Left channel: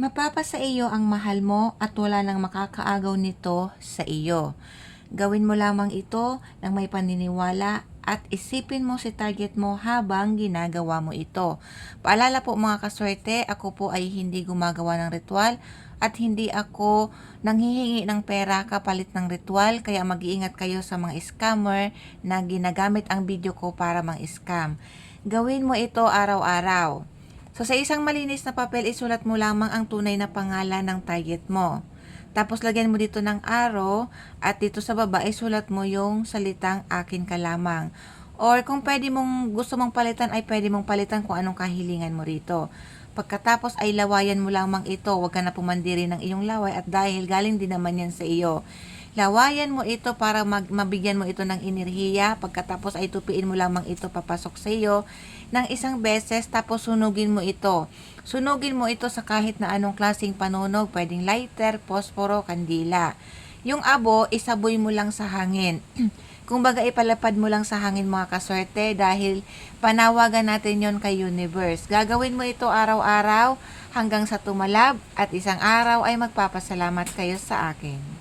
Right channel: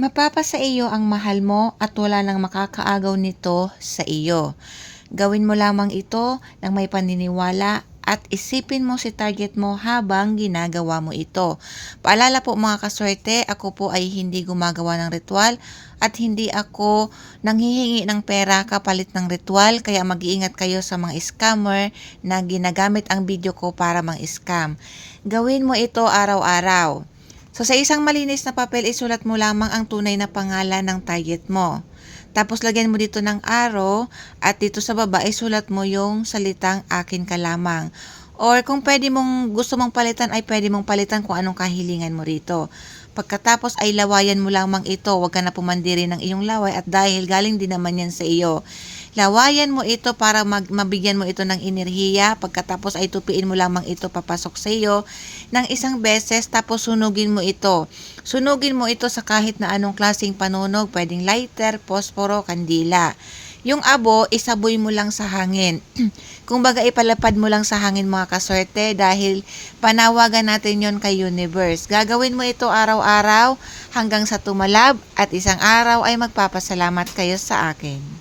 Mapapa sa iyo ang mahal mo at wala nang makakaagaw nito sa iyo. Gawin mo lamang ito ng may paniniwala at isipin mo si target mo habang ginagawa mo ito. Paalala po mga kaswerte, ako po ay hindi gumagawa ng ritual at hindi ako nanghihingi ng pera kapalit ng ritual kaya mag-iingat kayo sa mga scammer na ginagamit ang video ko para mang-scam. Gawin mo ito araw-araw. So sa isang malinis na papel, isulat mo lamang ang tunay na pangalan ng target mo. Tapos lagyan mo dito ng arrow at dito sa baba isulat mo yung salitang akin ka lamang. Or kung pwede mong gusto mong palitan ay pwede mong palitan kung anong kahilingan mo rito. Pagkatapos ay lawayan mo lamang ito, huwag ka na pumandiri ng iyong laway at dahil galing din naman yan sa iyo. Lawayan mo ito para mag- mabigyan mo ito ng enerhiya. Pagkatapos ay tupiin mo lamang ito papasok sa iyo ng isang beses tapos sunugin mo ito. Sunugin mo ito sa kahit na anong klaseng panunog, pwedeng lighter, posporo, kandila. Yung abo, isaboy mo lang sa hangin. Kung baga ipalapad mo lang sa hangin mga kaswerte dahil panawagan natin yon kay universe. Gagawin mo ito araw-araw hanggang sa tumalab at isang araw ay magpapasalamat kayo sa akin.